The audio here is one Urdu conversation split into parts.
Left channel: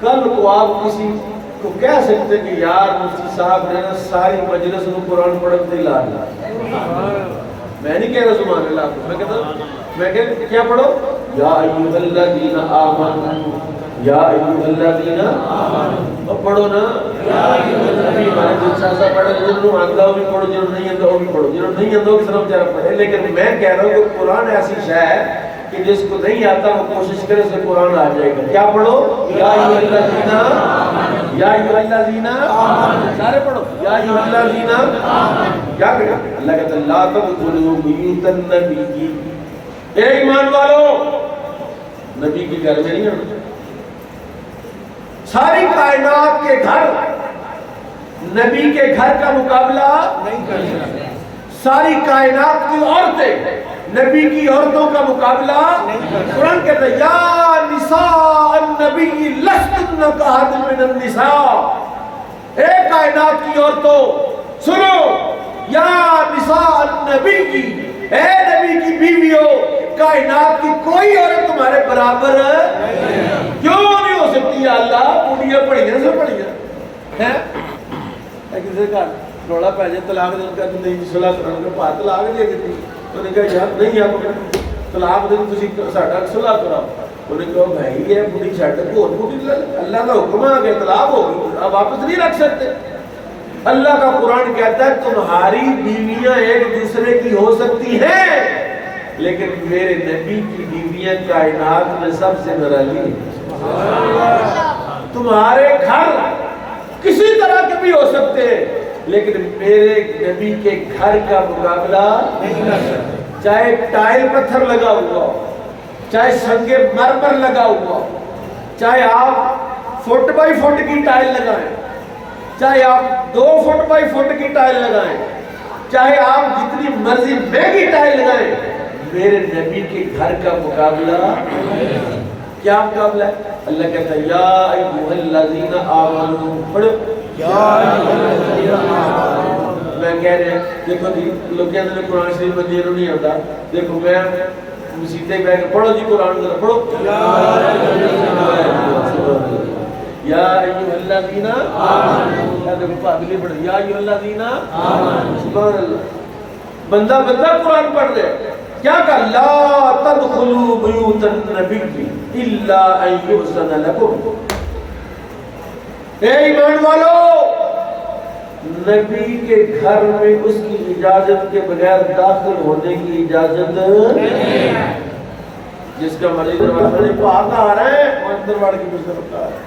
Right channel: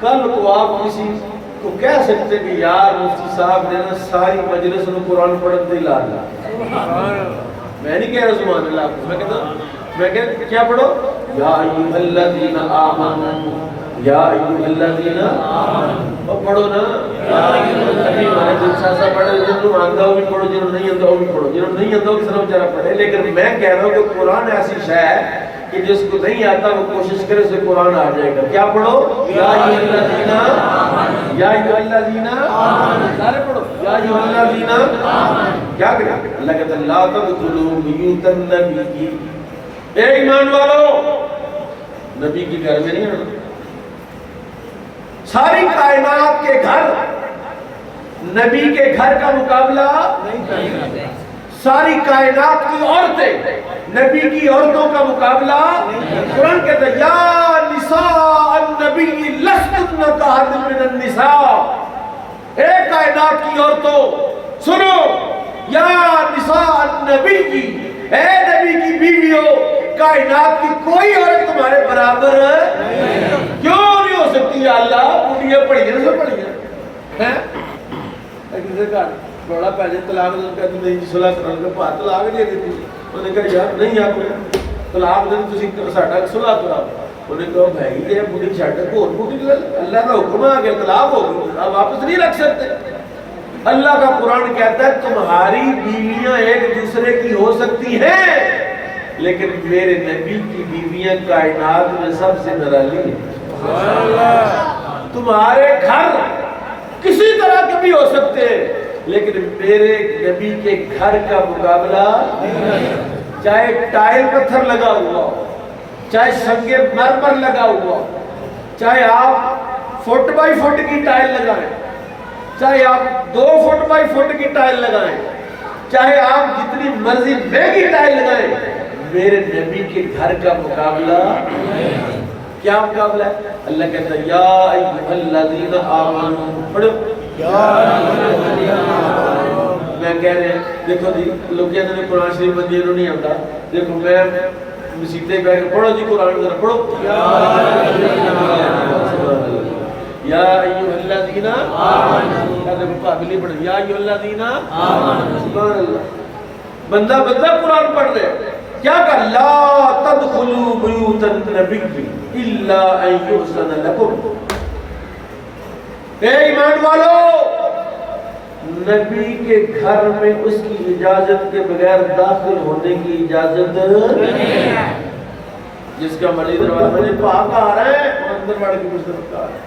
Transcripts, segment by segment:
کل کو آپ کسی کو کہہ سکتے کہ یار مفتی صاحب نے نا ساری مجلس کو قرآن پڑھن دے لا دیا. میں نہیں کہہ رہا سبحان اللہ آپ کو، میں کہتا ہوں میں کہ کیا پڑھو یا ایھا الذین آمنوا یا ایھا الذین آمنوا پڑھو نا یا ایھا الذین میں جلسہ سا پڑھے جنہوں آندہ ہو بھی پڑھو جنہوں نہیں آندہ ہو بھی پڑھو جنہوں نہیں آندہ ہو کس طرح بیچارہ پڑھے. لیکن میں کہہ رہا ہوں کہ قرآن ایسی شے ہے کہ جس کو نہیں آتا وہ کوشش کرے اسے قرآن آ جائے گا. کیا پڑھو یا ایھا الذین یا ایھا الذین سارے پڑھو یا ایھا الذین. کیا کریں اللہ کہتا ہے لا تدخلوا بیوت النبی، اے ایمان والو نبی کے گھر میں نہیں آنا. ساری کائنات کے گھر نبی کے گھر کا مقابلہ نہیں کریں. ساری کائنات کی عورتیں نبی کی عورتوں کا مقابلہ نہیں. قرآن کہتا ہے یا نساء النبی لستن کاحد من النساء، اے کائنات کی عورتوں سنو یا نساء النبی کی، اے نبی کی بیویوں کائنات کی کوئی عورت تمہارے برابر کیوں نہیں ہو سکتی. یا اللہ بوڑھیاں پڑھیاں سب پڑھیاں ہیں کسی کا روڑا پہ جائے طلاق دے کہتے نہیں صلاح کرانے کا پاہ طلاق دے دیتی. انہوں نے کہا یار نہیں آپ طلاق دے تسی ساڈا صلاح کراؤ. انہوں نے کہا بھائی یہ بوڑھی چھڈ کو اور بوڑھی اللہ کا حکم آ گیا طلاق ہو گئی آپ واپس نہیں رکھ سکتے. اللہ کا قرآن کہتا ہے تمہاری بیویاں ایک دوسرے کی ہو سکتی ہیں لیکن میرے نبی کی بیویاں کائنات میں سب سے نرالی ہیں. تمہارے گھر کسی طرح کے بھی ہو سکتے ہیں لیکن میرے نبی کے گھر کا مقابلہ نہیں. چاہے ٹائل پتھر لگا ہوا ہو، چاہے سنگ مرمر لگا ہوا ہو، چاہے آپ فٹ بائی فٹ کی ٹائل لگائیں، چاہے آپ 2 فٹ بائی فٹ کی ٹائل لگائیں، چاہے آپ جتنی مرضی مہنگی ٹائل لگائیں، میرے نبی کے گھر کا مقابلہ کیا مقابلہ ہے. اللہ کہتا ہے یا ایھا الذین آمنوا پڑھو یا ایھا الذین آمنوا. میں کہہ رہے ہیں دیکھو جی لوگ کہتے ہیں قرآن شریف مجھے نہیں آتا. دیکھو میں مسیطے بیٹھ کر پڑھو جی قرآن ذرا پڑھو یا ایھا الذین آمنوا. دیکھو قابل پڑھ یا ایھا الذین آمنوا. سبحان اللہ. بندہ قرآن پڑھ رہے کیا کہ لا تدخلوا بیوت النبی الا ان یؤذن لکم. اے ایمان والو نبی کے گھر میں اس کی اجازت کے بغیر داخل ہونے کی اجازت نہیں. جس کا مرضی دروازہ میں پاک آ رہا ہے وہ اندر بڑھ کے مجھ سے بتا رہا ہے.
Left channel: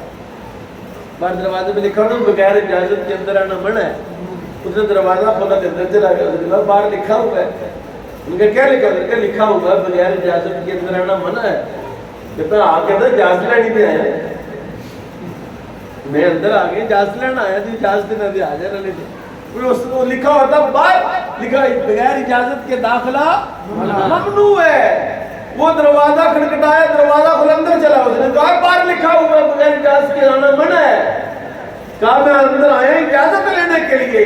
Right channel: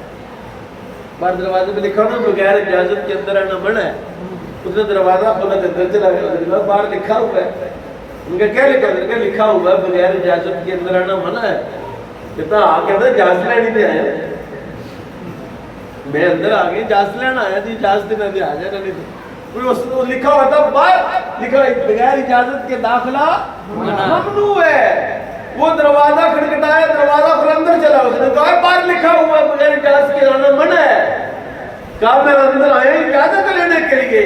باہر دروازے پہ لکھا ہونا بغیر اجازت کے اندر آنا منع ہے. اس نے دروازہ کھولا کے اندر چلا گیا. باہر لکھا ہوا ہے. ان کا کیا لکھا ہوا ہے؟ لکھا ہوا ہے بغیر اجازت کے اندر آنا منع ہے. کہتا آ کے اندر اجازت لینی دے آیا. میں اندر آ گیا اجازت لینا آیا تھی اجازت نہ دے آ جانا نہیں. وہ لکھا ہوا تھا باہر لکھا بغیر اجازت کے داخلہ ممنوع ہے. وہ دروازہ کھٹکھٹایا دروازہ کھولا اندر چلا. اس نے کہا باہر لکھا ہوا ہے بغیر اجازت کے آنا منع ہے. کہا میں اندر آیا اجازت لینے کے لیے.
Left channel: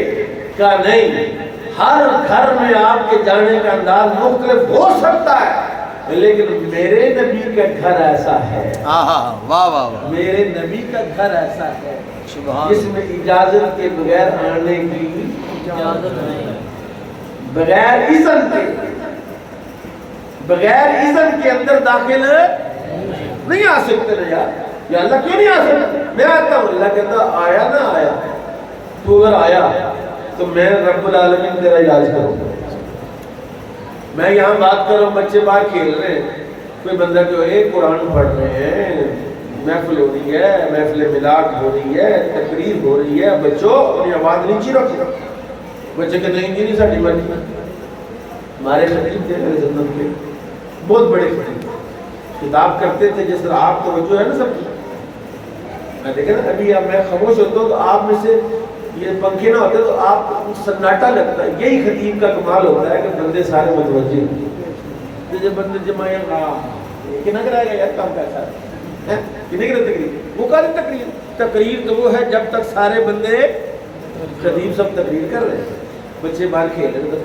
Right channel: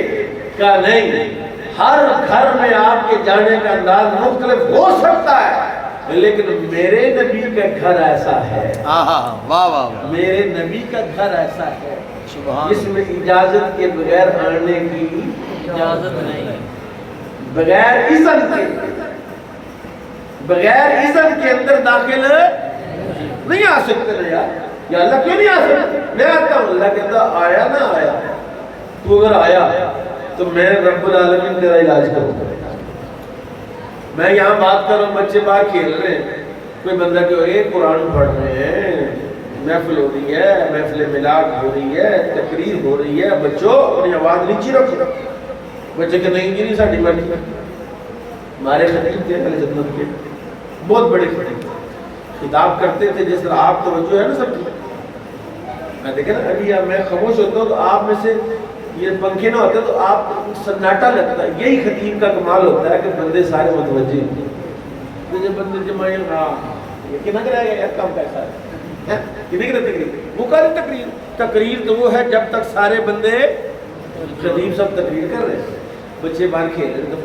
کہا نہیں ہر گھر میں آپ کے جانے کا انداز مختلف ہو سکتا ہے لیکن میرے نبی کا گھر ایسا ہے. واہ واہ میرے نبی کا گھر ایسا ہے سبحان جس میں اجازت کے بغیر آنے کی اجازت نہیں. بغیر اذن کے اندر داخل نہیں آ سکتے نا یار. یا اللہ کیوں نہیں آ سکتے؟ میں آتا ہوں. اللہ کہتا آیا نہ آیا تو اگر آیا تو میں رب العالمین تیرا علاج کروں گا. میں یہاں بات کر رہا ہوں بچے باہر کھیل رہے ہیں. کوئی بندہ کہ قرآن پڑھ رہے ہیں محفل ہو رہی ہے محفل میلاد ہو رہی ہے تقریر ہو رہی ہے بچوں اپنی آواز نیچی رکھو. بچے کہ نہیں جی نہیں ساڑی مرضی. ہمارے خطیب تھے خدمت کے بہت بڑے خطیب خطاب کرتے تھے جس طرح آپ توجہ ہے نا سب کی. میں دیکھیں نا ابھی میں خاموش ہوتا ہوں تو آپ میں سے یہ پنکھے نہ ہوتے تو آپ سناٹا لگتا ہے. یہی خطیب کا کمال ہوتا ہے کہ بندے سارے متوجہ ہیں. جب بندے جمائیں کہ نہ کرائے گا یار کام کیسا ہے کہ نہیں کرے تقریر. وہ کہا تقریر تو وہ ہے جب تک سارے بندے خطیب سب تقریر کر رہے ہیں. بچے باہر کھیل رہے تو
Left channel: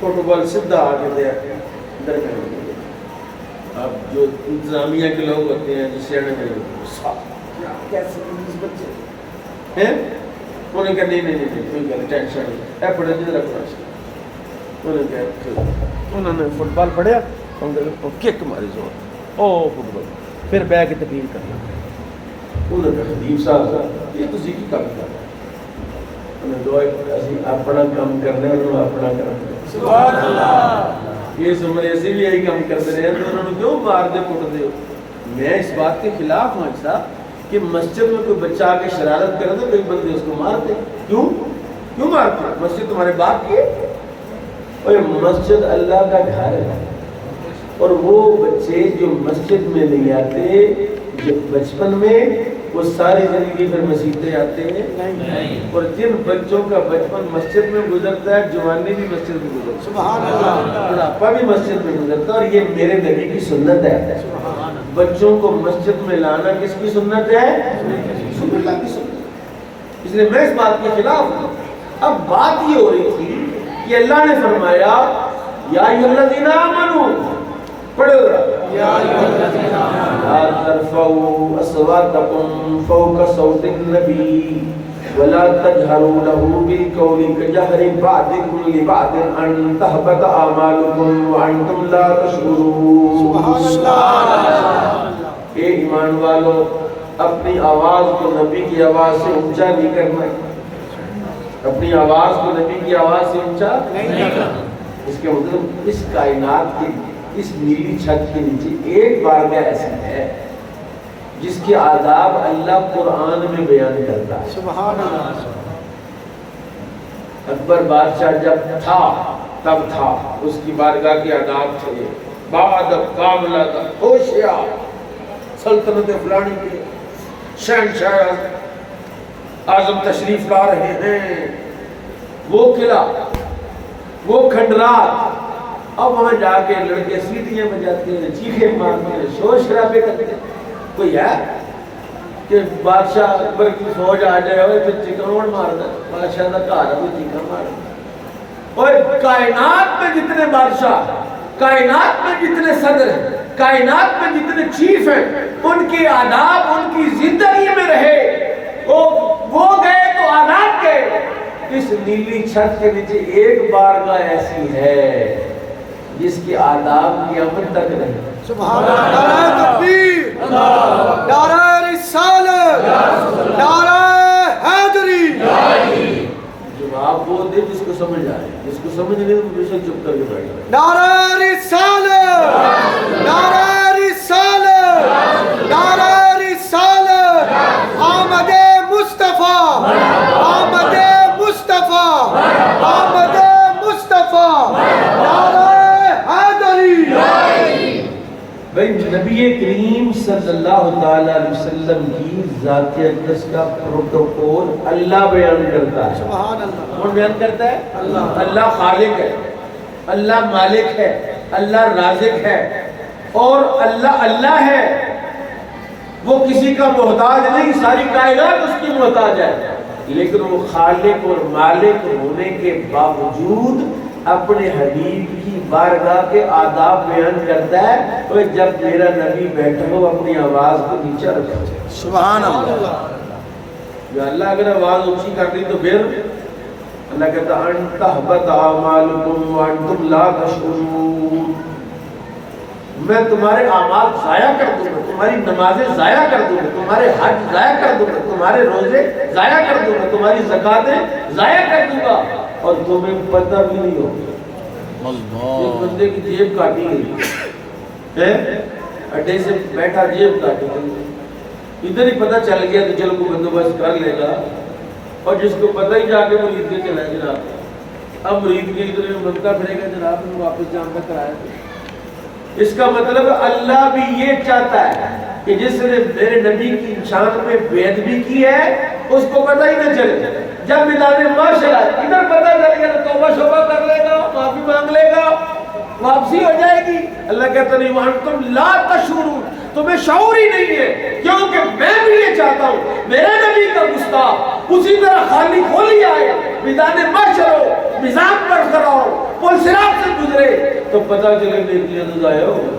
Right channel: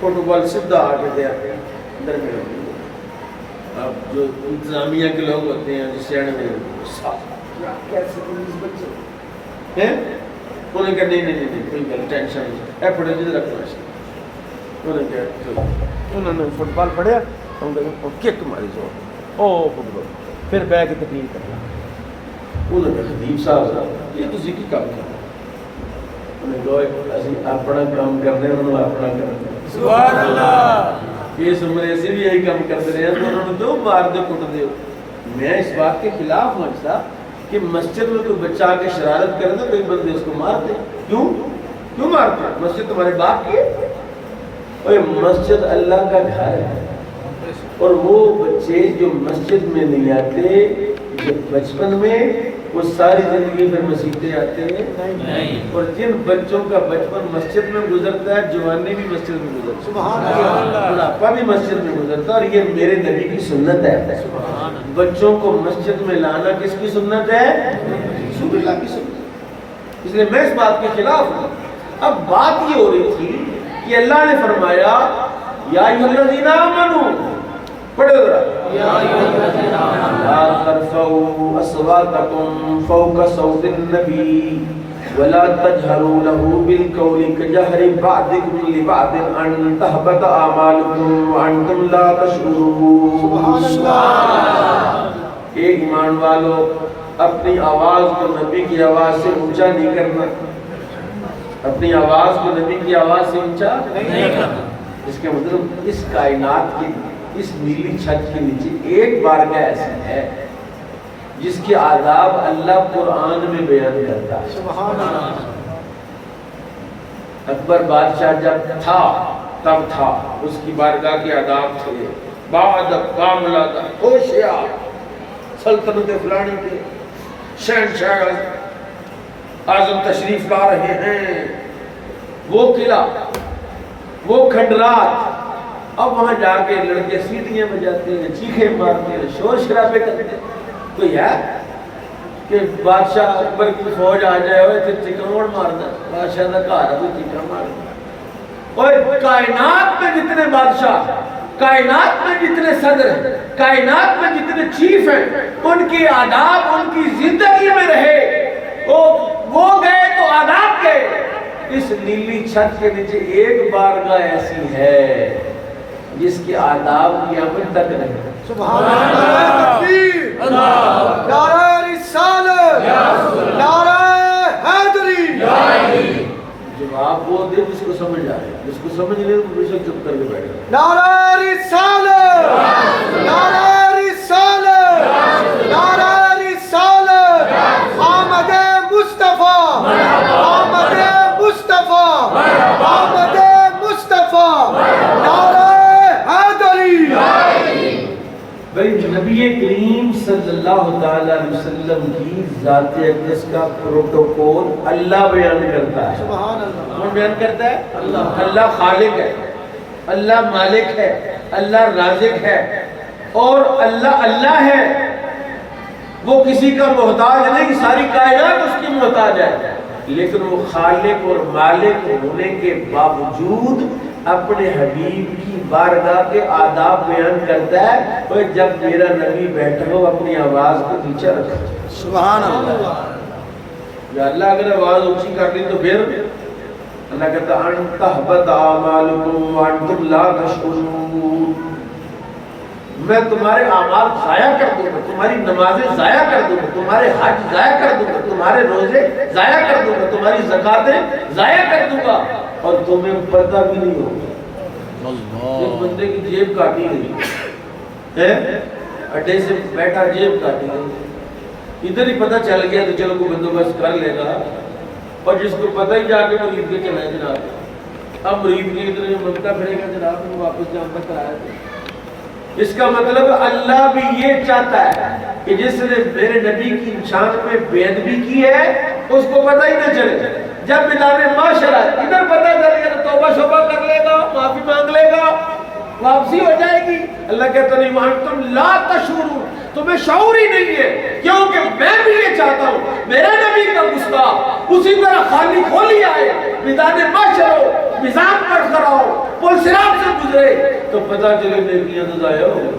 فوٹو بال سیدھا آ کے درمیان اب جو انتظامیہ کے لوگ ہوتے ہیں جس سیانے میں کیسے بچے ہیں انہوں نے کہا نہیں کوئی گل ٹینشن نہیں اے پڑھو جدھر رکھنا انہوں نے فٹ بال پڑھیا کک ماری زور او فٹ بال پھر بہ کے تقریر کرنا انہوں نے کہا خطیب صاحب یہ تسی کی کام کر انہیں کہا اسی اپنا کام کرنے انہوں اپنا کرنے سبحان اللہ یہ سمرے سے بھی یہی کام کرتے رہے ہیں تو انہوں نے کیوں مار دے کٹ دے میں اس بات کے خلاف ہوں ایسا کہ مسجد میں کوئی بچہ آ کے شرارت کرے تو کئی بندے اس کو مارتے کیوں مارتے مسجد تمہارے باپ کی ہے اور مسجد اللہ کا گھر ہے اور وہ بچے جو مسجد میں نہیں آتے بچپن میں وہ ساری زندگی پھر مسجدیں آتے ہیں اور جن بچوں کا بچپن مسجد میں گزرتا ہے جوانی بھی مسجد میں گزرتا ہے بڑھاپا بھی مسجد میں گزرتا ہے اور یہ میرے نبی کی سنت ہے بچوں کو مسجد میں لانا کس کی سنت ہے رسول اللہ کی سنت اس لیے میں اس بات کے خلاف ہوں اب بات یہ ہو رہی تھی کہ اللہ نے فرمایا یا ایھا الذین آمنوا پڑھو ذرا لا ترفعوا اصواتکم فوق صوت النبی ولا تجهروا له بالقول كجهر بعضكم لبعض ان تهبط اعمالكم وانتم لا تشعرون سبحان اللہ اے ایمان والو اپنی آواز کو نبی کی آواز سے اونچا نہیں کرنا اپنی آواز کو نبی کی آواز سے اونچا نہیں کرنا اس کے مطلب اس کائنات کی اس نیلی چھت کے نیچے ایک بارگاہ ایسی ہے جس کے آداب اللہ قرآن میں بیان کرتا ہے سبحان اللہ اکبر بادشاہ جب تھا تب تھا اس کی بارگاہ کے آداب تھے بعد کاملہ ہوشیار سلطنت فلانی کے شہنشاہ اعظم تشریف لا رہے ہیں وہ قلعہ وہ کھنڈرات اب وہاں جا کے لڑکے سیٹیاں بجاتے ہیں چیخیں مارتے ہیں شور شرابے کرتے ہیں کوئی ہے کہ بادشاہ اکبر کی فوج آ جائے ہوئے پھر چیکاوڑ مارنا بادشاہ کا گھر ہے چیکا مارنا اور کائنات میں جتنے بادشاہ کائنات میں جتنے صدر ہیں کائنات میں جتنے چیف ہیں ان کے آداب ان کی زندگی میں رہے وہ گئے تو آداب گئے اس نیلی چھت کے نیچے ایک بارگاہ ایسی ہے جس کے آداب قیامت تک رہے سبحان اللہ تکبیر نعرہ رسالت نعرہ حیدری جواب وہ دے جس کو سمجھ آئے جس کو سمجھ نہیں وہ بے شک چپ کر کے بیٹھا نعرہ رسالت نعرہ رسالت نعرہ رسالت آمد مصطفیٰ آمد مصطفیٰ آمد مصطفیٰ نعرہ بھئی نبی کریم صلی اللہ تعالیٰ علیہ وسلم کی ذات اقدس کا پروٹوکول اللہ بیان کرتا ہے کون بیان کرتا ہے اللہ خالق ہے اللہ مالک ہے اللہ رازق ہے اور اللہ ہے وہ کسی کا محتاج نہیں ساری کائنات اس کی محتاج ہے لیکن وہ خالق اور مالک ہونے کے باوجود اپنے حبیب کی بارگاہ کے آداب بیان کرتا ہے اور جب میرا نبی بیٹھا ہو اپنی آواز کو نیچا رکھا سبحان اللہ یا اللہ اگر آواز اونچی کر دی تو پھر اللہ کہتا ان تحبط اعمالکم وانتم لا تشعرون میں تمہارے اعمال ضائع کر دوں گا تمہاری نمازیں ضائع کر دوں گا تمہارے حج ضائع کر دوں گا تمہارے روزے ضائع کر دوں گا تمہاری زکاتیں ضائع کر دوں گا اور تمہیں پتہ بھی نہیں ہوگا ایک بندے کی جیب کاٹی گئی اڈے سے بیٹھا جیب کاٹی گئی ادھر ہی پتہ چل گیا تو چلو کوئی بندوبست کر لے گا اور جس کو پتہ ہی جا کے مرید کے چلا ہے جناب اب مرید کے ادھر بنتا پھرے گا جناب میں واپس جان کا کرایا اس کا مطلب اللہ بھی یہ چاہتا ہے کہ جس نے میرے نبی کی شان میں بے ادبی کی ہے اس کو پتہ ہی نہ چلے جب میدان معاشرہ ادھر پتہ چل گیا تو توبہ شوبہ کر لے گا معافی مانگ لے گا واپسی ہو جائے گی اللہ کہتا نہیں وانتم لا تشعرون تمہیں شعور ہی نہیں ہے کیونکہ میں بھی یہ چاہتا ہوں میرے نبی کا گستاخ اسی طرح خالی کھولی آئے میدان معاشر ہو مزاج پر کراؤ پل صراط سے گزرے تو پتہ چلے نیکیاں تو ضائع ہو گئی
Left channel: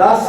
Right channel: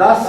10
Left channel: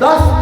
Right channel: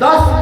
10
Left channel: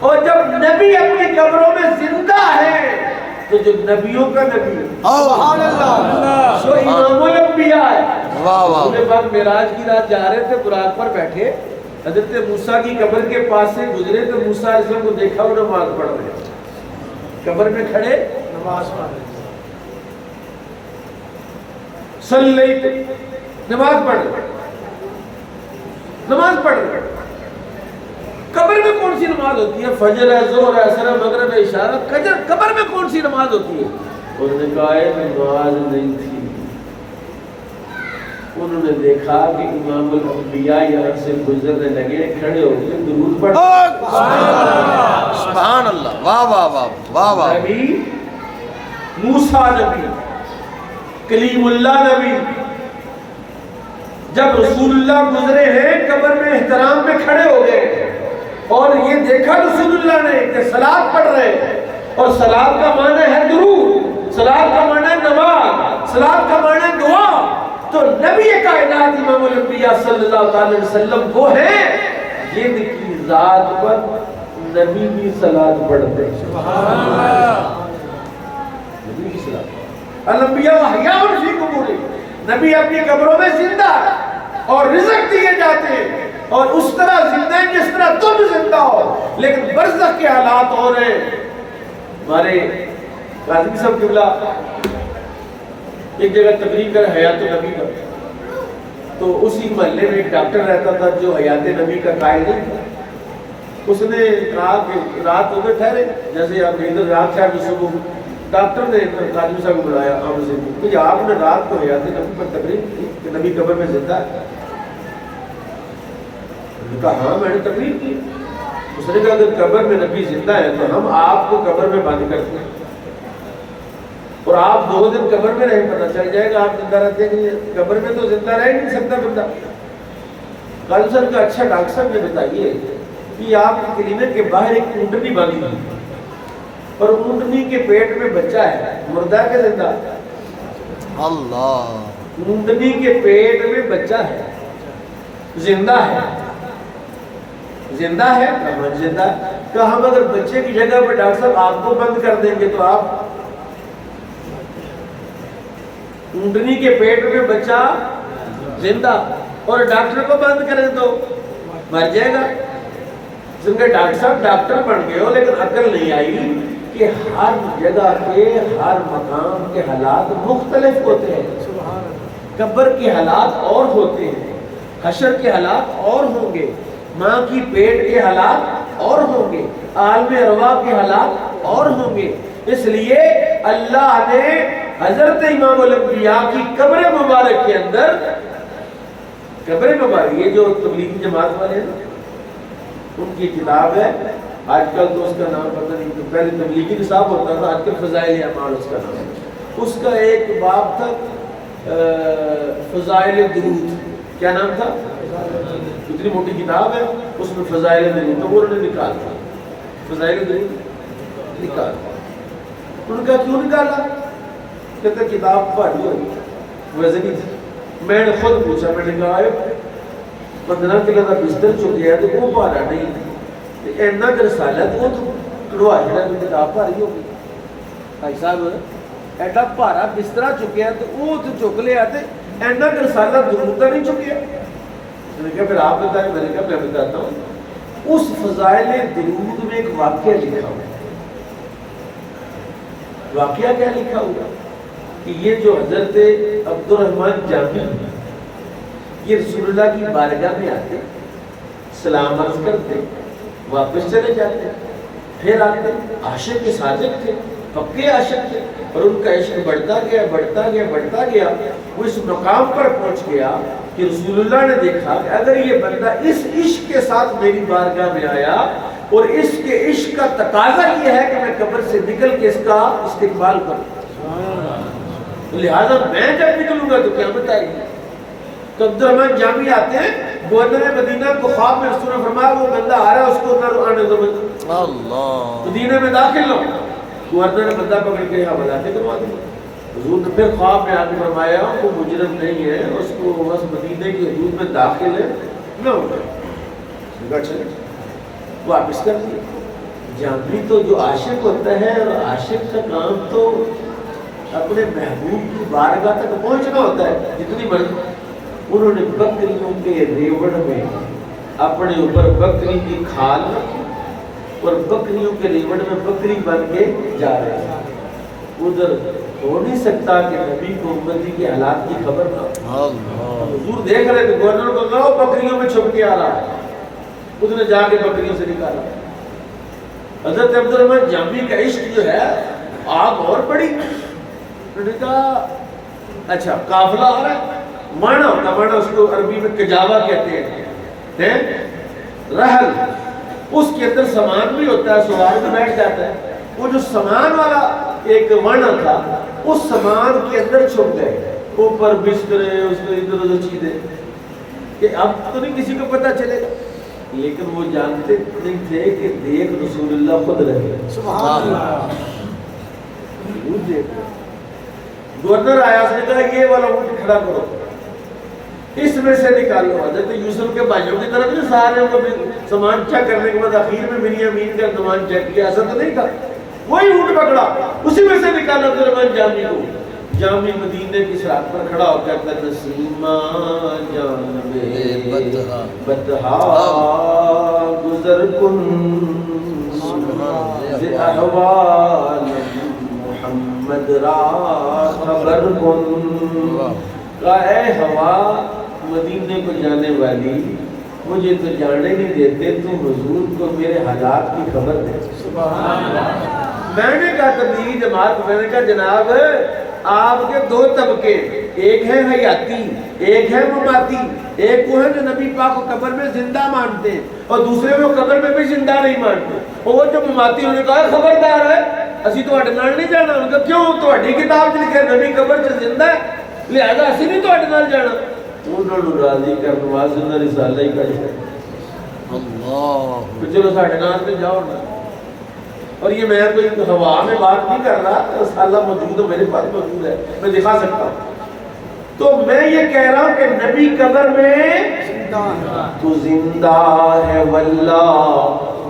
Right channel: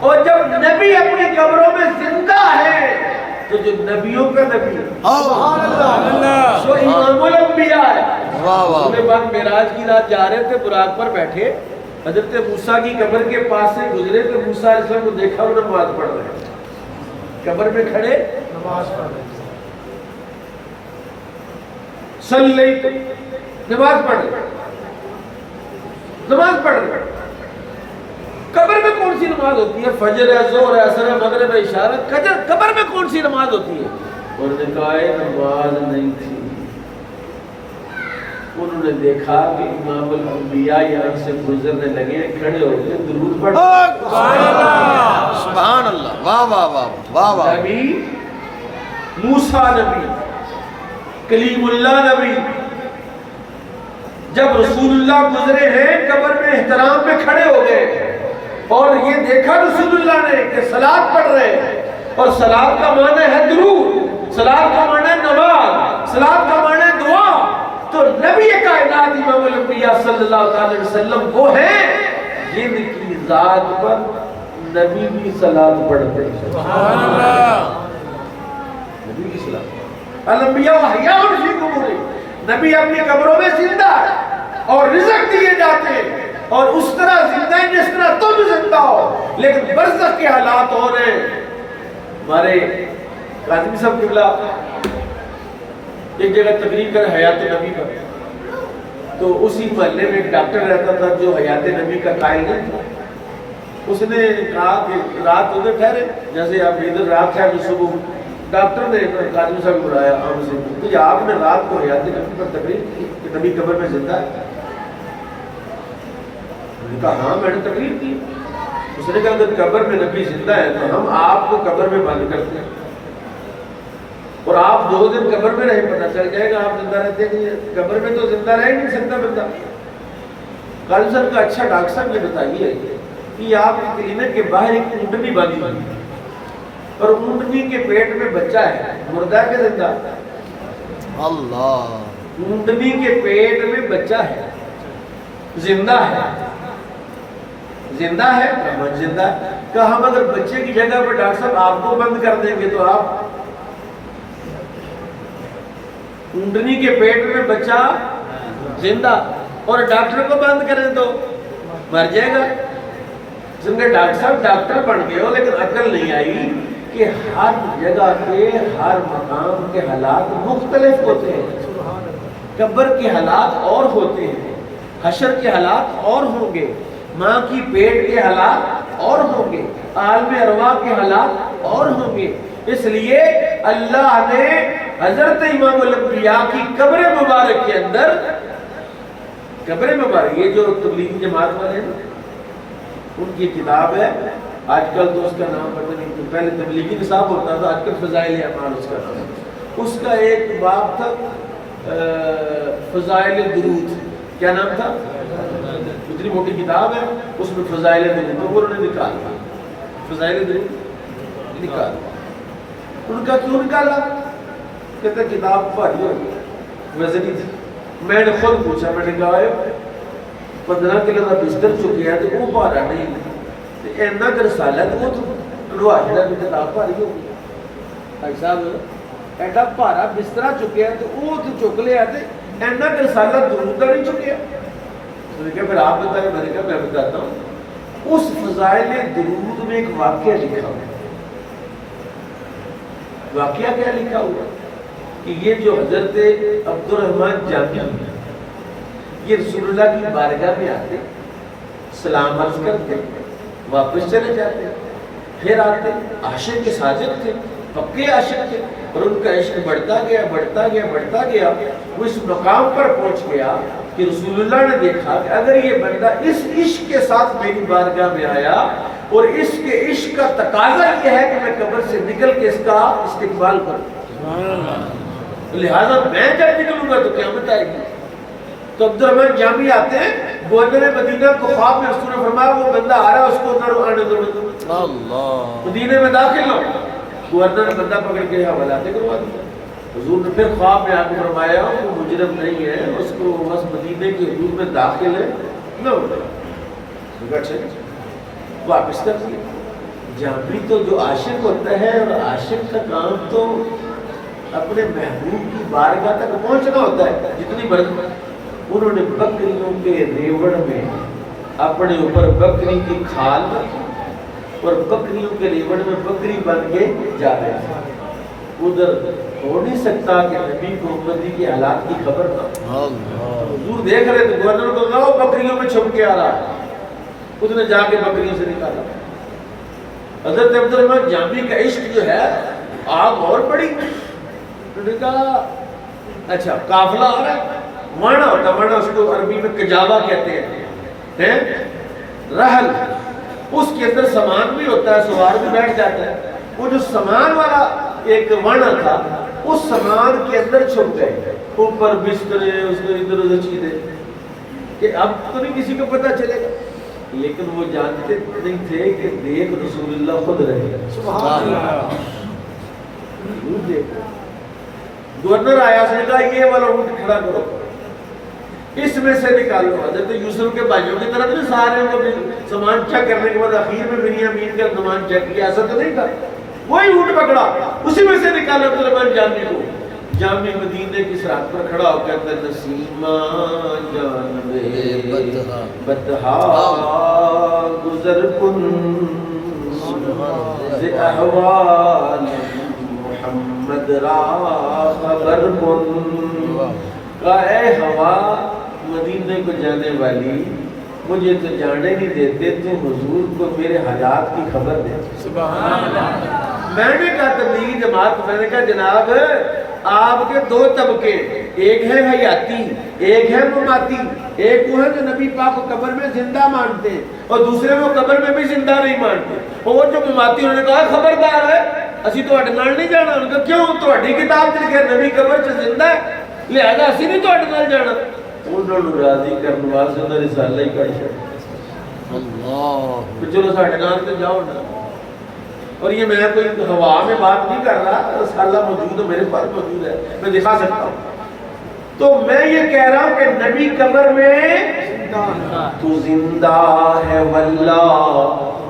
اور جب نبی اپنی قبروں میں زندہ ہے تو جو نبیوں کا نبی ہے سبحان اللہ جو امام الانبیاء ہے. واہ واہ اس کے بعد معراج کی رات جا رہے تھے، براق پر بیٹھے، حضرت موسیٰ کی قبر کے پاس سے گزرے تو موسیٰ علیہ السلام کو دیکھا وہ نماز پڑھ رہے ہیں، قبر میں کھڑے صلی نماز پڑھ رہے، نماز پڑھ رہے. قبر میں کون سی نماز ہوتی ہے؟ فجر ہے، ظہر ہے، عصر ہے، مغرب ہے، عشاء ہے. قبر میں کون سی نماز ہوتی ہے؟ انہوں نے کہا نماز نہیں تھی. انہوں نے دیکھا کہ امام الانبیاء یہاں سے گزرنے لگے، کھڑے ہو گئے، درود پڑھ. سبحان اللہ واہ واہ واہ واہ واہ. نبی موسیٰ نبی، کلیم اللہ نبی، جب رسول اللہ گزرے ہیں قبر میں احترام میں کھڑے ہو گئے اور یہ دیکھا رسول اللہ نے کہ صلاۃ پڑھ رہے ہیں، اور صلاۃ کا معنی ہے درود، صلاۃ کا معنی ہے نماز، صلاۃ کا معنی ہے دعا. تو نبی کائنات امام الانبیاء صلی اللہ علیہ وسلم وہ ہیں جن کی ذات پر نبی بھی صلاۃ پڑھتے ہیں. نبی بھی صلاۃ. الانبیاء احیاء فی قبورہم، نبی اپنی قبروں میں زندہ ہے اور رزق دیے جاتے ہیں اور اس طرح زندہ ہیں جس طرح تم زندہ ہو، لیکن برزخ کے حالات ہو رہے ہیں. ہمارے قاضی صاحب قبلہ ایک جگہ تقریر کر حیات النبی پر، تو اسی محلے میں ایک ڈاکٹر رہتا تھا جو حیات نبی کا قائل نہیں تھا. اس نے کہا کہ رات ادھر ٹھہرے، جیسے آپ ادھر رات ٹھہر تو صبح. ڈاکٹر نے قاضی صاحب کو بلایا آمد سے کہ آپ نے رات کو حیات نبی پر تقریر کی کہ نبی قبر میں زندہ ہے؟ انہوں نے کہا ہاں میں نے تقریر کی. اس نے کہا اگر قبر میں نبی زندہ ہے تو ہم آپ کو قبر میں بند کرتے ہیں اور آپ 2 دن قبر میں رہیں، پتہ چل جائے گا آپ زندہ رہتے ہیں. قبر میں تو زندہ رہ ہی نہیں سکتا بندہ. قاضی صاحب کا اچھا ڈاکٹر صاحب یہ بتائیے کہ آپ کے کلینک کے باہر ایک اونٹنی باندھی ہوئی اور اونٹنی کے پیٹ میں بچہ ہے، مردہ کے زندہ؟ اللہ. اونٹنی کے پیٹ میں بچہ ہے، زندہ ہے. زندہ ہے؟ زندہ ہے. کہ ہم اگر بچے کی جگہ پر ڈاکٹر صاحب آپ کو بند کر دیں گے تو آپ اونٹنی کے پیٹ میں بچہ زندہ اور ڈاکٹر کو بند کریں تو مر جائے گا. ڈاکٹر صاحب ڈاکٹر بن گئے ہو لیکن عقل نہیں آئی کہ ہر جگہ کے ہر مقام کے حالات مختلف ہوتے ہیں. قبر کے حالات اور ہوتے ہیں، حشر کے حالات اور ہوں گے، ماں کی پیٹ کے حالات اور ہوں گے، عالم ارواح کے حالات اور ہوں گے. اس لیے اللہ نے حضرت امام الانبیاء کی قبر مبارک کے اندر، قبر مبارک یہ جو تبلیغی جماعت والے ہیں ان کی کتاب ہے، آج کل تو اس کا نام پتہ نہیں، پہلے تبلیغی نصاب ہوتا تھا، آج کل فضائل اعمال اس کا نام ہے. اس کا ایک باب تھا فضائل درود. کیا نام تھا؟ اتنی موٹی کتاب ہے اس میں فضائل درود وہ انہوں نے نکال دیا. فضائل درود نکال. ان کا کیوں نکالا؟ کہتے کتاب بھاری ہو گئی، وزنی تھی. میں نے خود پوچھا، میں نے کہا 15 کلو کا بستر چکیا ہے تو وہ بھارا نہیں، اینا کر رسالہ تو وہ تو کڑوا جڑا کتاب بھاری ہو گئی. بھائی صاحب ایڈا بھارا بسترا چکیا ہے تو وہ تو چک لیا تو اینا کر رسالہ درود کا نہیں چکیا. میں نے کہا پھر آپ بتائیں. میں نے کہا میں بتاتا ہوں. اس فضائل درود میں ایک واقعہ لکھا ہوا ہے. واقعہ کیا لکھا ہوا کہ یہ جو حضرت عبد الرحمن جامی یہ رسول اللہ کی بارگاہ میں آتے، سلام عرض کرتے، واپس چلے جاتے، پھر آتے. عاشق کے ساجد تھے، پکے عاشق تھے اور ان کا عشق بڑھتا گیا بڑھتا گیا بڑھتا گیا. وہ اس مقام پر پہنچ گیا کہ رسول اللہ نے دیکھا کہ اگر یہ بندہ اس عشق کے ساتھ میری بارگاہ میں آیا اور اس کے عشق کا تقاضا یہ ہے کہ میں قبر سے نکل کے اس کا استقبال کروں، لہٰذا میں جب نکلوں گا تو قیامت آئے گی. تو عبد الرحمن جامی آتے ہیں، گورنر مدینہ کو خواب میں رسول نے فرمایا وہ بندہ آ رہا ہے اس کو نہ آنے دو. اللہ مدینہ میں داخل ہو. گورنر نے بندہ پکڑ کے حوالات کروا دیا. حضور نے پھر خواب میں آ کے فرمایا وہ مجرم نہیں ہے، اس کو بس مدینے کی حدود میں داخل ہے نہ ہو جائے. اچھا واپس کر دیا. جامی تو جو عاشق ہوتا ہے، اور عاشق کا کام تو اپنے محبوب کی بارگاہ تک پہنچنا ہوتا ہے جتنی مرضی۔ انہوں نے بکریوں کے ریوڑ میں اپنے اوپر بکری کی کھال رکھی اور بکریوں کے ریوڑ میں بکری بن کے جا رہے ہیں۔ ادھر ہو نہیں سکتا کہ نبی کو امتی کے حالات کی خبر نہ ہو۔ حضور دیکھ رہے تھے، گورنر کو کہا وہ بکریوں میں چھپ کے آ رہا ہے، اس نے جا کے بکریوں سے نکالا۔ حضرت عبدالرحمن جامی کا عشق جو ہے آگ اور بڑی، انہوں نے کہا اچھا قافلہ آ رہا ہے، مانا ہوتا، مانا اس کو عربی میں کجاوا کہتے ہیں، رحل، اس کے اندر سامان بھی ہوتا ہے، سوار بھی بیٹھ جاتا ہے۔ وہ جو سامان والا ایک وانا تھا، اس سامان کے اندر چھپ گئے، اوپر بسترے، اس کو ادھر ادھر چیزیں، کہ اب تو نہیں کسی کو پتہ چلے گا، لیکن وہ جانتے نہیں تھے کہ دیکھ رسول اللہ خود رہے۔ سبحان اللہ۔ گورنر آیا، اس نے کہا یہ والا اونٹ کھڑا کرو، اس میں سے نکالو۔ حضرت یوسف کے بھائیوں کی طرف نہیں، سارے کو بھی سامان چیک کرنے کے بعد آخر میں میری امین کا سامان چیک کیا، ایسا تو نہیں تھا، وہی اونٹ پکڑا، اسی میں سے نکالا عبدالرحمن جامی کو۔ جامی مدینے کی سرحد پر کھڑا ہو کے کہتا ہے نسیمہ جان میں بدہا گزر کن ز احوال محمد را خبر کن۔ کہا اے ہوا مدینے کو جانے والی، مجھے تو جانے نہیں دیتے، تو حضور کو میرے حالات کی خبر دے۔ میں نے کہا تبلیغی جماعت کو، میں نے کہا جناب آپ کے دو طبقے، ایک ہے حیاتی، ایک ہے مماتی، ایک وہ ہے جو نبی پاک کو قبر میں زندہ مانتے ہیں، اور دوسرے وہ قبر میں بھی زندہ نہیں مانتے۔ اور وہ جو مماتی، انہوں نے کہا خبردار ہے، اسی تو اڈے نال نہیں جانا۔ انہوں نے کہا کیوں؟ تو اڈی کتاب میں لکھا ہے نبی قبر سے زندہ ہے، لہذا اسی نہیں تو اڈے نال جانا۔ انہوں نے راضی کرنے واسطے انہوں نے رسالہ ہی کر چھڑا۔ اللہ، چلو ساڈے نال تے جاؤ نا۔ اور یہ میں کوئی ہوا میں بات نہیں کر رہا، رسالہ موجود ہے، میرے پاس موجود ہے، میں دکھا سکتا ہوں۔ تو میں یہ کہہ رہا ہوں کہ نبی قبر میں تو زندہ ہے واللہ،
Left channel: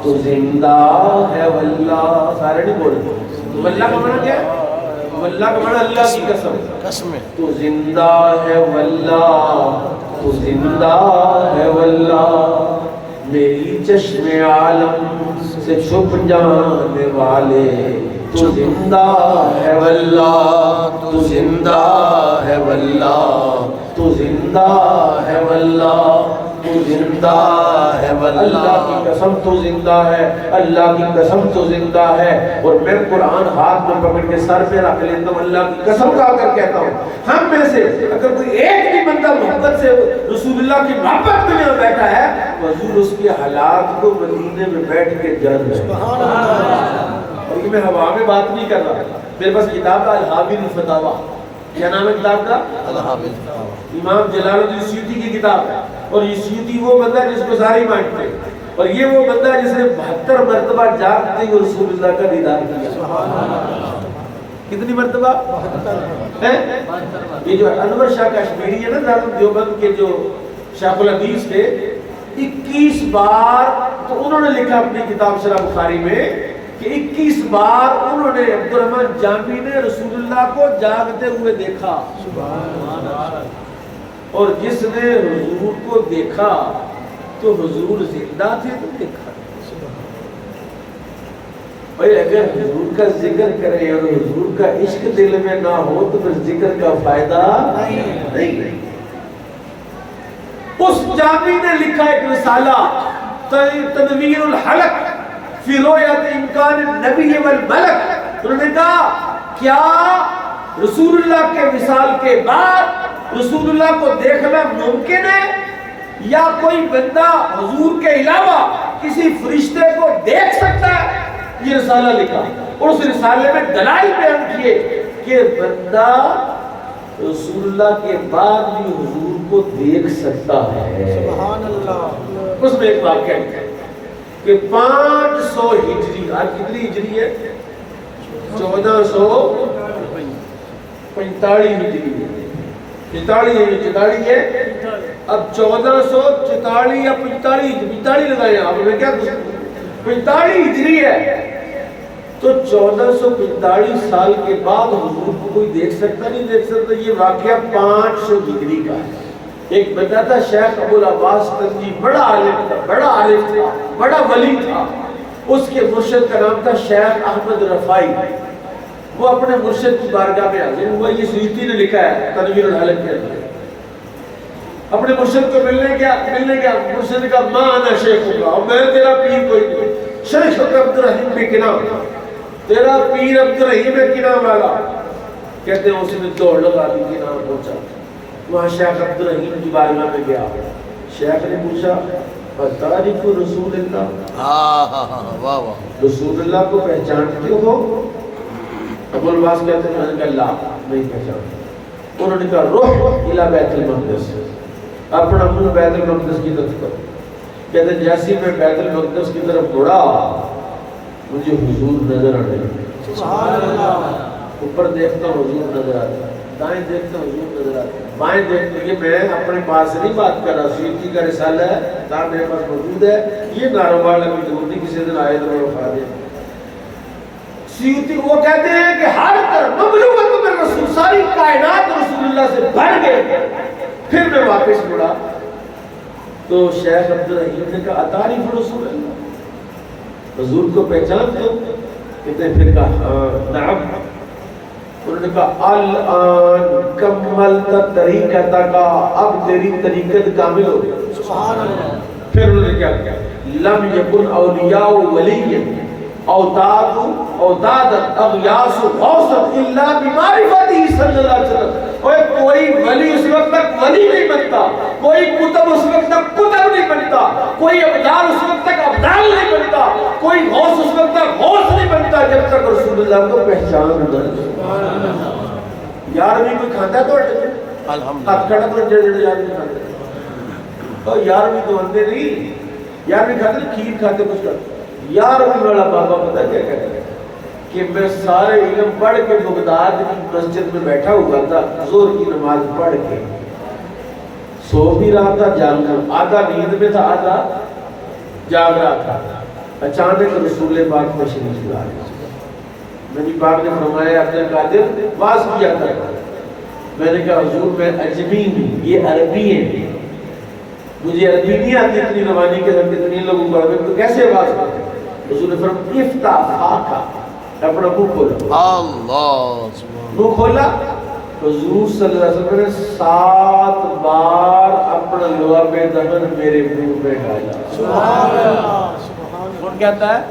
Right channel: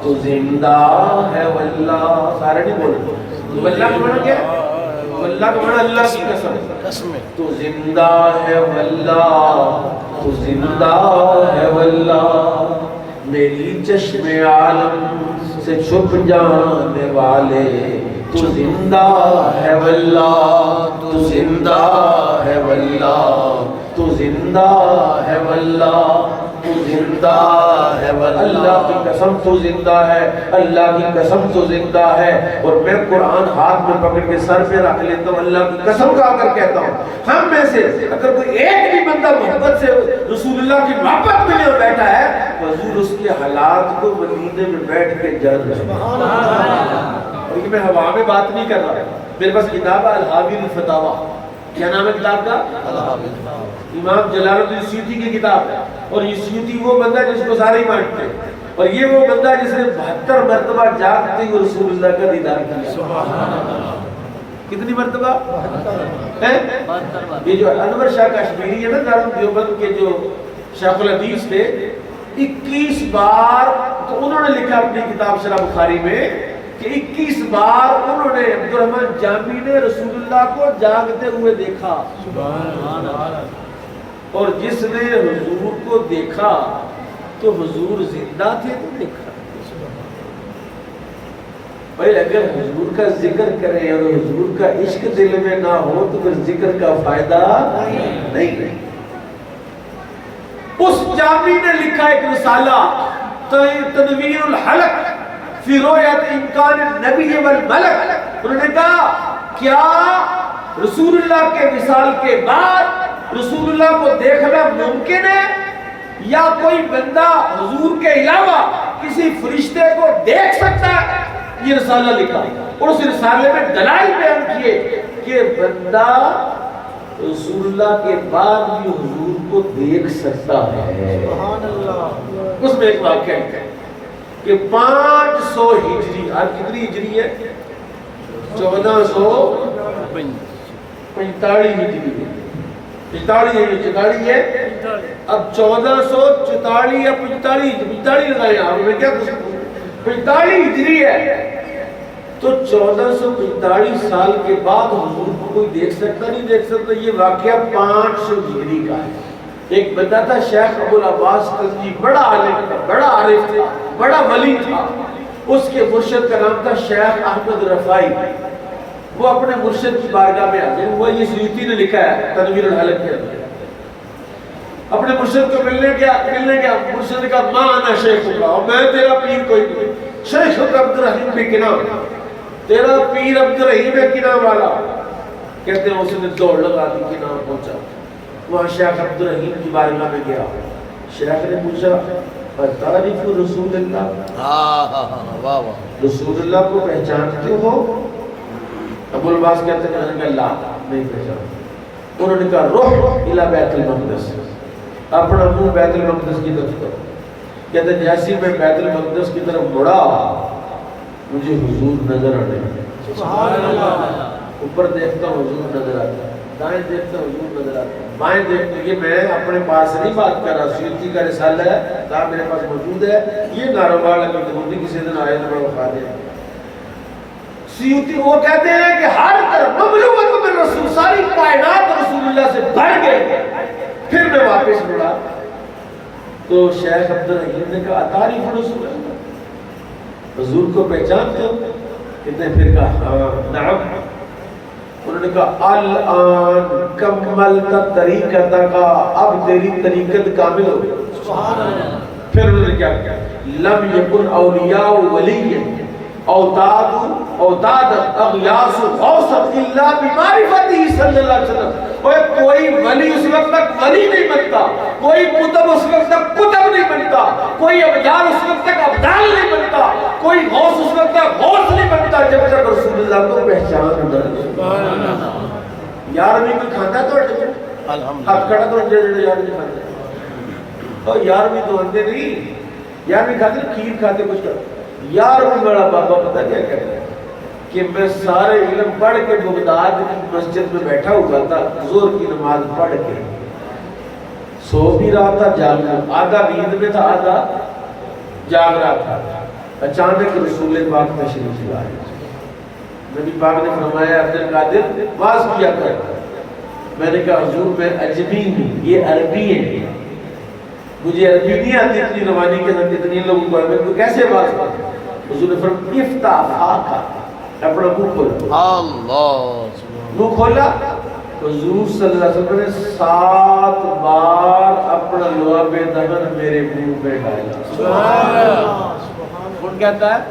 تو زندہ ہے واللہ، سارے نہیں بول رہے۔ واللہ کا معنی کیا ہے؟ واللہ کا معنی اللہ کی قسم، تو زندہ ہے واللہ، تو زندہ ہے واللہ، میری چشم عالم سے چھپ جانے والے، تو زندہ ہے واللہ، تو زندہ ہے واللہ، تو زندہ ہے واللہ، تو زندہ ہے واللہ، اللہ کی قسم تو زندہ ہے، اللہ کی قسم تو زندہ ہے۔ اور میں قرآن ہاتھ میں پکڑ کے سر پہ رکھ لیتا ہوں، اللہ کی قسم کھا کر کہتا ہوں، ہم میں سے اگر کوئی ایک بھی بندہ محبت سے رسول اللہ کی محبت میں نہیں بیٹھا ہے، حضور اس کے حالات کو مدینے میں بیٹھ کے جان رہے ہیں۔ اور یہ میں ہوا میں بات نہیں کر رہا، میرے پاس کتاب ہے الحاوی الفتاوی، کیا نام ہے کتاب کا؟ الحاوی الفتاوی، امام جلال الدین سیوطی کی کتاب ہے۔ اور یہ سیوطی وہ بندہ جس کو سارے ہی مانتے ہیں، اور یہ وہ بندہ جس نے 72 مرتبہ جاگتے ہوئے رسول اللہ کا دیدار کیا۔ کتنی مرتبہ؟ یہ جو انور شاہ کشمیری ہے نا، دارالعلوم دیوبند کے جو شیخ الحدیث تھے، 21 بار تو انہوں نے لکھا اپنی کتاب شرح بخاری میں کہ 21 بار انہوں نے عبدالرحمن جامی نے رسول اللہ کو جاگتے ہوئے دیکھا۔ اور جس نے حضور کو دیکھا تو حضور زندہ تھے تو دیکھا۔ بھائی اگر حضور کا ذکر کریں اور حضور کا عشق دل میں نہ ہو تو پھر ذکر کا فائدہ نہیں ہے۔ اس جامی نے لکھا ایک رسالہ تنویر الحلق فی رؤیت امکان النبی والملک، انہوں نے کہا کیا رسول اللہ کے وصال کے بعد رسول اللہ کو دیکھنا ممکن ہے، یا کوئی بندہ حضور کے علاوہ کسی فرشتے کو دیکھ سکتا ہے؟ یہ رسالہ لکھا، اور اس رسالے میں دلائل بیان کیے کہ بندہ رسول اللہ کے بعد بھی حضور کو دیکھ سکتا ہے۔ اس میں ایک واقعہ ہے کہ 500 ہجری، آج کتنی ہجری ہے؟ 1445 ہجری ہے، 44 ہے، اب 1444 یا 45 لگائے آپ میں کیا 45 ہجری ہے، تو 1445 سال کے بعد حضور کو کوئی دیکھ سکتا نہیں دیکھ سکتا. یہ واقعہ 500 ہجری کا ہے. ایک بندہ تھا شیخ ابو العباس تنجی, بڑا عالم تھا, بڑا عارف تھا, بڑا ولی تھا. اس کے مرشد کا نام تھا شیخ احمد رفائی. وہ اپنے مرشد کی بارگاہ میں حاضر ہوا. یہ سیوطی نے لکھا ہے تنویر الحلق کے اندر. اپنے مرشد کو ملنے گیا. مرشد نے کہا ماں انا شیخ اللہ, میں تیرا پیر کوئی نہیں. شیخ عبد الرحیم بن کنان, تیرا پیر عبد الرحیم ہے کنان والا. کہتے ہیں اس نے دوڑ لگا دی, کنان پہنچا. وہاں شیخ عبد الرحیم کی بارگاہ میں گیا. شیخ نے پوچھا تعریف رسول اللہ, واہ واہ, رسول اللہ کو پہچانتے ہو؟ ابو العباس کہتے ہیں کہ لا, نہیں پہچانتا. انہوں نے کہا روح الی بیت المقدس, اپنا منہ بیت المقدس کی طرف کرو. کہتے ہیں جیسے میں بیت المقدس کی طرف مڑا مجھے حضور نظر آنے لگے. سبحان اللہ. اوپر دیکھتا ہوں حضور نظر آتے ہیں, دائیں دیکھتا ہوں حضور نظر آتے ہیں, بائیں دیکھتے. یہ میں اپنے پاس نہیں بات کر رہا, سیوطی کا رسالہ ہے کہاں میرے پاس موجود ہے. یہ ناروبار میں نہیں کسی دن آئے تو بڑا کھا دے. سیوطی وہ کہتے ہیں کہ ہر طرف مملوکت میں رسول, ساری کائنات رسول اللہ سے بھر گئے. پھر میں واپس مڑا تو شیخ عبد الرحیم نے کہا تعریف رسول اللہ, حضور کو پہچانتے ہو؟ کہتے ہیں پھر کہا ہاں نعم. انہوں نے کہا الان کملت طریقتک, اب تیری طریقت کامل ہو گئی. سبحان اللہ. پھر انہوں نے کیا کیا, لم یکن اولیاء ولی اوتاد اغیاس غوث الا بمعرفتی صلی اللہ علیہ وسلم. کوئی ولی اس وقت تک ولی نہیں بنتا, کوئی کتب اس وقت تک کتب نہیں بنتا, کوئی ابدال اس وقت تک ابدال نہیں بنتا, کوئی غوث اس وقت تک غوث نہیں بنتا جب تک رسول اللہ کو پہچان نہ. یار بھی کوئی کھاتا تو الحمدللہ آپ کھڑا تو جڑ یار بھی کھاتا, اور یار بھی تو اندے نہیں, یار بھی کھاتے کھیر کھاتے کچھ کرتے. یار بھی بڑا بابا پتہ کیا کہتا ہے کہ میں سارے علم پڑھ کے بغداد کی مسجد میں بیٹھا ہوا تھا, ظہر کی نماز پڑھ کے سو بھی رہا تھا, جاگ رہا, آدھا نیند میں تھا آدھا جاگ رہا تھا. اچانک رسول پاک تشریف لائے. نبی پاک نے فرمایا عبد القادر واز کیا کر. میں نے کہا حضور میں عجمی ہوں, یہ عربی ہے, مجھے عربی نہیں آتی اتنی روانی کے ساتھ اتنی لوگوں پڑھ میں تو کیسے واز کرتے. حضور نے فرمایا افتح فاکا, اپنا منہ کھولا. اللہ منہ کھولا. حضور صلی اللہ علیہ وسلم نے 7 بار اپنا لعاب دہن میرے منہ میں ڈالا. سبحان اللہ. کون کہتا ہے؟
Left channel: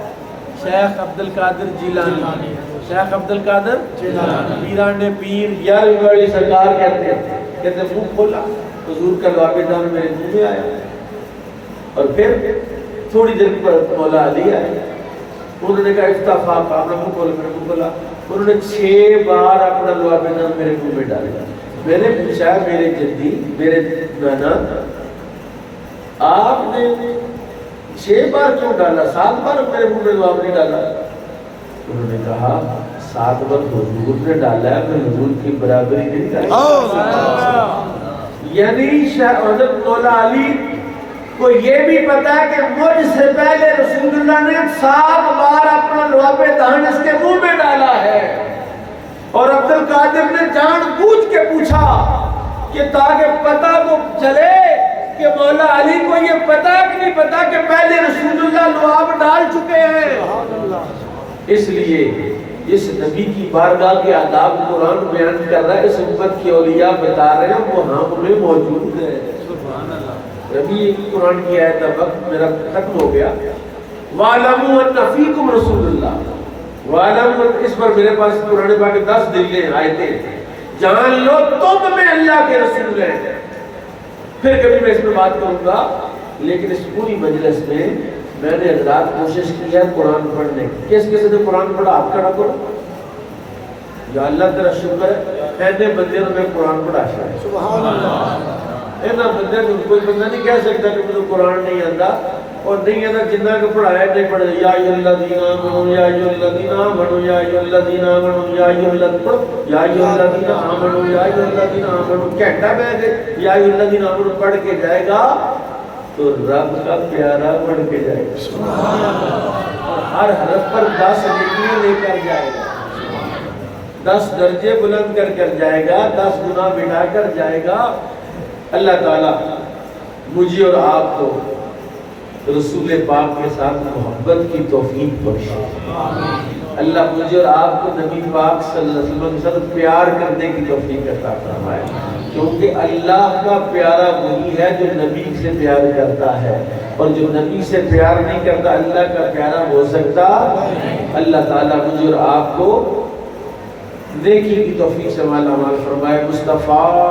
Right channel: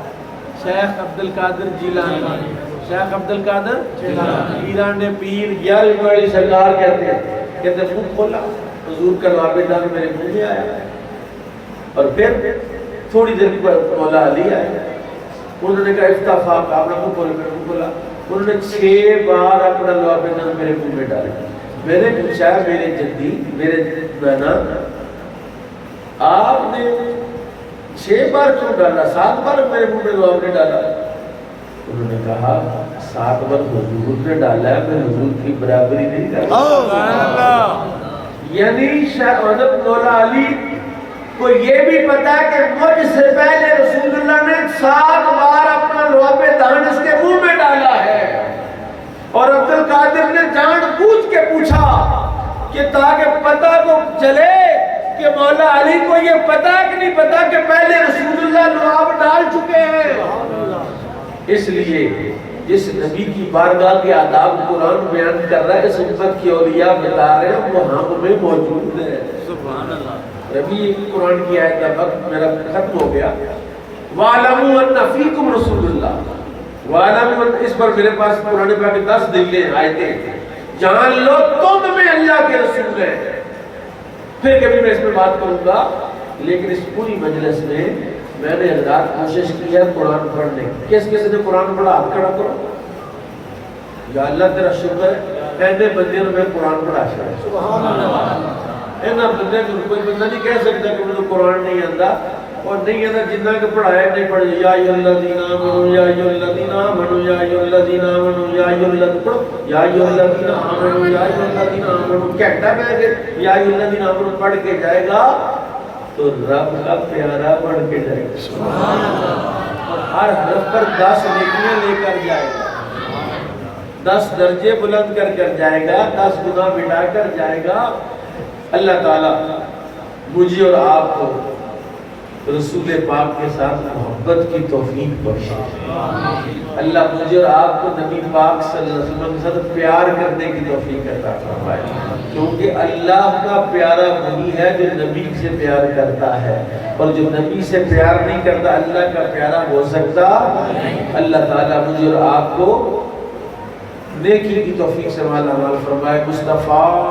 شیخ عبد القادر جیلانی. شیخ عبد القادر جیلانی پیران پیر یار والی سرکار کہتے ہیں. کہتے ہیں منہ کھولا, حضور کا لعاب دہن میرے منہ میں آیا. اور پھر تھوڑی دیر پر مولا علی آئے. انہوں نے کہا افتفاق, اپنا منہ کھولا, میرے منہ کھولا. انہوں نے 6 بار اپنا لعاب دہن میرے منہ میں ڈالا. میں نے پوچھا میرے جدی میرے بہنا آپ نے 6 بار کیوں ڈالا, 7 بار میرے منہ میں لعاب نہیں ڈالا؟ انہوں نے کہا 7 بار حضور نے ڈالا ہے, میں حضور کی برابری نہیں کرتا. یعنی حضرت مولا علی کو یہ بھی پتا ہے کہ مجھ سے پہلے رسول اللہ نے 7 بار اپنا لعاب دہن اس کے منہ میں ڈالا ہے. اور عبد القادر نے جان بوجھ کے پوچھا کہ تاکہ پتہ کو چلے کہ مولا علی کو یہ پتا کہ نہیں پتا کہ پہلے رسول اللہ لعاب ڈال چکے ہیں. اس لیے اس نبی کی بارگاہ کے آداب قرآن بیان کر رہا ہے, اس امت کی اولیاء بتا رہے ہیں وہ ہم میں موجود ہے. ربی قرآن کی آیت, وقت میرا ختم ہو گیا. وَعَلَمُوا أَنَّ فِيكُمْ رَسُولُ اللَّهِ, وَعَلَمُوا, اس پر میرے پاس قرآن پاک 10 دلیلیں آیتیں, جان لو تم میں اللہ کے رسول ہیں. پھر کبھی میں اس میں بات کروں گا, لیکن اس پوری مجلس میں نے حضرات کوشش کی ہے قرآن پڑھنے. کس کس نے قرآن پڑھا ہاتھ کھڑا کرو. یا اللہ تیرا شکر ہے پہلے بندے نے میں قرآن پڑھا ہے. سبحان اللہ. اینا بندے کو کوئی بندہ نہیں کہہ سکتا کہ مجھے قرآن نہیں آتا, اور نہیں آتا جنہ کو پڑھایا نہیں پڑھے. یا ایھا الذین آمنوا یا ایھا الذین آمنوا یا ایھا الذین آمنوا یا ایھا الذین یا ایھا الذین آمنوا یا ایھا الذین آمنوا. گھنٹہ بیٹھ کے یا ایھا الذین آمنوا پڑھ کے جائے گا تو رب کا پیارا پڑھ کے جائے گا. سبحان اللہ. ہر حرف پر 10 نیکیاں لے کر جائے گا، 10 درجے بلند کر کر جائے گا، 10 گناہ مٹا کر جائے گا۔ اللہ تعالیٰ مجھے اور آپ کو رسول پاک کے ساتھ محبت کی توفیق بخشے۔ اللہ مجھے اور آپ کو نبی پاک صلی اللہ علیہ وسلم کے ساتھ پیار کرنے کی توفیق عطا فرمائے، کیونکہ اللہ کا پیارا وہی ہے جو نبی سے پیار کرتا ہے، اور جو نبی سے پیار نہیں کرتا اللہ کا پیارا ہو سکتا۔ اللہ تعالیٰ مجھے اور آپ کو نیکی کی توفیق سے مالا مال فرمائے۔ مصطفیٰ